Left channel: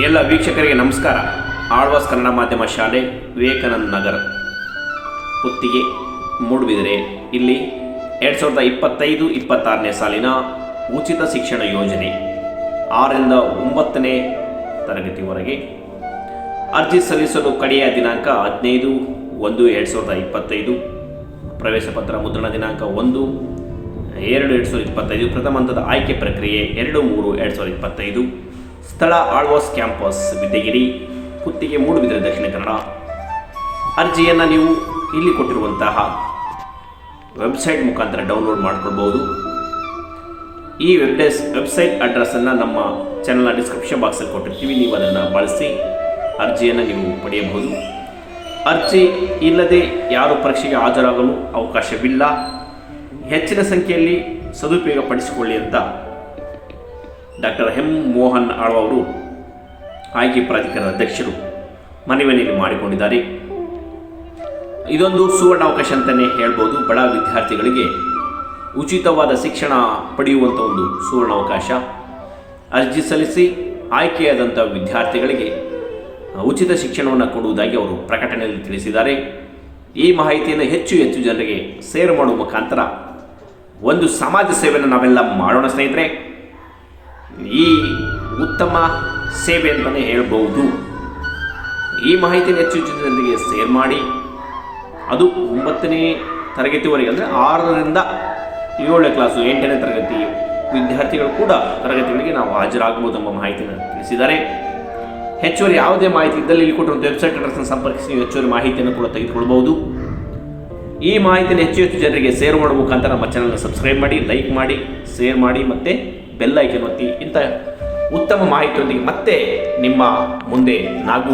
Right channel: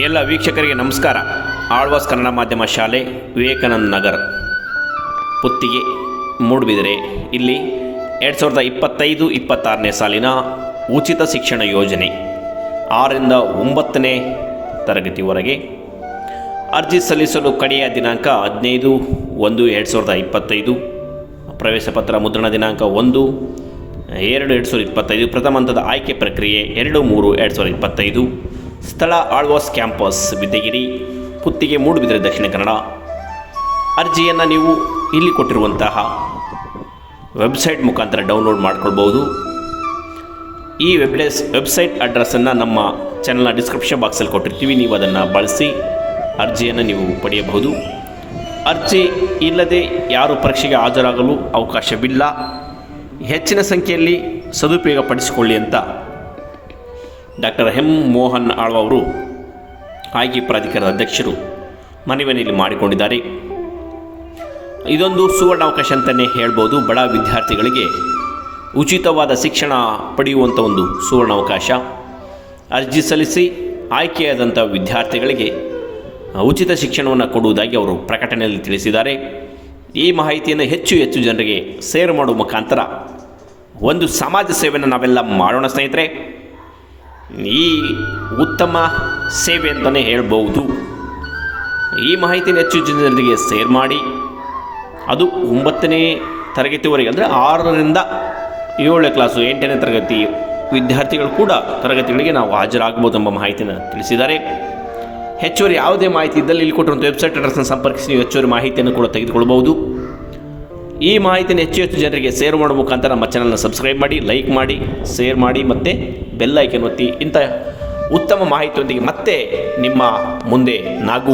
ಎಲ್ಲ ವೀಕ್ಷಕರಿಗೆ ನಮಸ್ಕಾರ. ಆಳ್ವಾಸ್ ಕನ್ನಡ ಮಾಧ್ಯಮ ಶಾಲೆ, ವಿವೇಕಾನಂದ ನಗರ್, ಪುತ್ತಿಗೆ, ಮೂಡುಬಿದಿರೆ. ಇಲ್ಲಿ 2025-26ನೇ ಸಾಲಿನ ಉಚಿತ ಶಿಕ್ಷಣ ಯೋಜನೆ 6ರಿಂದ 9ನೇ ತರಗತಿವರೆಗೆ ಅರ್ಜಿ ಸಲ್ಲಿಸಲು ಕಡೆಯ ದಿನಾಂಕ 15/1/2025. ಪ್ರವೇಶ ಪತ್ರ ಮುದ್ರಣ ದಿನಾಂಕ 1/2/2025. ಪ್ರಥಮ ಹಂತದ ಆಯ್ಕೆ ಪ್ರಕ್ರಿಯೆ 2/3/2025. ಸ್ಥಳ ಆಳ್ವಾಸ್ ಕ್ಯಾಂಪಸ್, ವಿದ್ಯಗಿರಿ, ಪುತ್ತಿಗೆ, ಮೂಡುಬಿದಿರೆ, ದಕ್ಷಿಣ ಕನ್ನಡ. ಅರ್ಜಿಯನ್ನು ನೀವು ಇಲ್ಲಿ ಕೊಟ್ಟಿರುವಂತಹ ವೆಬ್ಸೈಟ್ ಮುಖಾಂತರ ಡೌನ್ಲೋಡ್ ಮಾಡಿಕೊಳ್ಬೋದು. ಈ ವೆಬ್ಸೈಟ್ ಅಡ್ರೆಸ್ಸನ್ನು ನಮ್ಮ ಚಾನಲ್ನ ಡಿಸ್ಕ್ರಿಪ್ಷನ್ ಬಾಕ್ಸಲ್ಲಿ ಕೊಟ್ಟಿರ್ತೀವಿ. ನೀವು ಅದನ್ನು ಬಳಸಿ ಅರ್ಜಿಯನ್ನು ನೀವು ಪಡೆಯಬಹುದು. ಅರ್ಜಿ ಇಲ್ಲದೆ ಯಾರು ಪರೀಕ್ಷೆಗೆ ಹಾಜರಾಗಲು ಅವಕಾಶವಿಲ್ಲ. ಹೆಚ್ಚಿನ ಸಂಖ್ಯೆಯಲ್ಲಿ ಸದುಪಯೋಗ ಪಡಿಸಿಕೊಳ್ಳಿ ಅಂತ ಡಾಕ್ಟರ್ ಎಂ ಮೋಹನ್ ಆಳ್ವ ಅವರು, ಆಯ್ಕೆ ಪ್ರಾಧಿಕಾರದ ಅಧ್ಯಕ್ಷರು, ಮನವಿಯಲ್ಲಿ ಮಾಡಿಕೊಂಡಿದ್ದಾರೆ. ಇದೊಂದು ಸುವರ್ಣಾವಕಾಶ ಅಂತಲೇ ಹೇಳ್ಬೋದು. ಬಡ ವಿದ್ಯಾರ್ಥಿಗಳಿಗೆ ಉಚಿತವಾದ ಶಿಕ್ಷಣ ಪಡೆಯುವಂಥ ಒಂದು ಸುವರ್ಣಾವಕಾಶ. ಅರ್ಜಿ ಸಲ್ಲಿಸಿ ಆಯ್ಕೆಯಾದಂಥ ವಿದ್ಯಾರ್ಥಿಗಳಿಗೆ ಉಚಿತ ಶಿಕ್ಷಣವನ್ನು ಕೊಡುವುದಾಗಿ ಅವರು ಪ್ರಕಟಣೆಯಲ್ಲಿ ತಿಳಿಸಿದ್ದಾರೆ. ಈ ಮಾಹಿತಿಯನ್ನು ಹೆಚ್ಚು ಜನರಿಗೆ ಶೇರ್ ಮಾಡುವ ಮುಖಾಂತರ ಒಂದು ಸಮಾಜ ಸೇವೆಯನ್ನು ನಾವೆಲ್ಲ ಮಾಡೋಣ ಸ್ನೇಹಿತರೆ. ಈ ಉತ್ತಮ ಸೇವೆ ಅಂತಲೇ ಹೇಳ್ಬೋದು. ಈ ಮಾಹಿತಿಯನ್ನು ಹೆಚ್ಚು ಜನರಿಗೆ ಶೇರ್ ಮಾಡಿ, ಅದು 9ನೇ ತರಗತಿವರೆಗೆ, ಅಂದರೆ 6ರಿಂದ 7ನೇ ಕ್ಲಾಸು 8ನೇ ತರಗತಿ ವಿದ್ಯಾರ್ಥಿಗಳು ಕೂಡ ತರಗತಿಗಳಿಗೆ ನಾವು ಹಾಜರಾಗಬಹುದು ಎಂಬ ಮಾಹಿತಿಯನ್ನು ತಿಳಿಸಿದ್ದಾರೆ. ಹೆಚ್ಚುವರಿ ಯಾವುದೇ ಮಾಹಿತಿ ಇದ್ದಲ್ಲಿ ಇಲ್ಲಿ ಕೊಟ್ಟಿರುವಂಥ ವೆಬ್ಸೈಟ್ ಅಡ್ರೆಸ್ನ ಸಂಪರ್ಕಿಸಿ ನೀವು ಹೆಚ್ಚುವರಿ ಮಾಹಿತಿಯನ್ನು ಕೂಡ ತೆಗೆದುಕೊಳ್ಬೋದು. ಈ ಮಾಹಿತಿಯನ್ನು ಹೆಚ್ಚು ಜನರಿಗೆ ಶೇರ್ ಮಾಡುವ ಮುಖಾಂತರ ನಮ್ಮ ಚಾನಲ್ನ ಸಬ್ಸ್ಕ್ರೈಬ್ ಮಾಡಿ, ಲೈಕ್ ಮಾಡಿ, ಶೇರ್ ಮಾಡಿ ಮತ್ತು ಬೆಲ್ ಐಕನ್ ಒತ್ತಿ. ಇಂಥ ಉತ್ತಮ ಮಾಹಿತಿಯೊಂದಿಗೆ ಮತ್ತೆ ನಿಮ್ಮ ಮುಂದೆ ನಾವು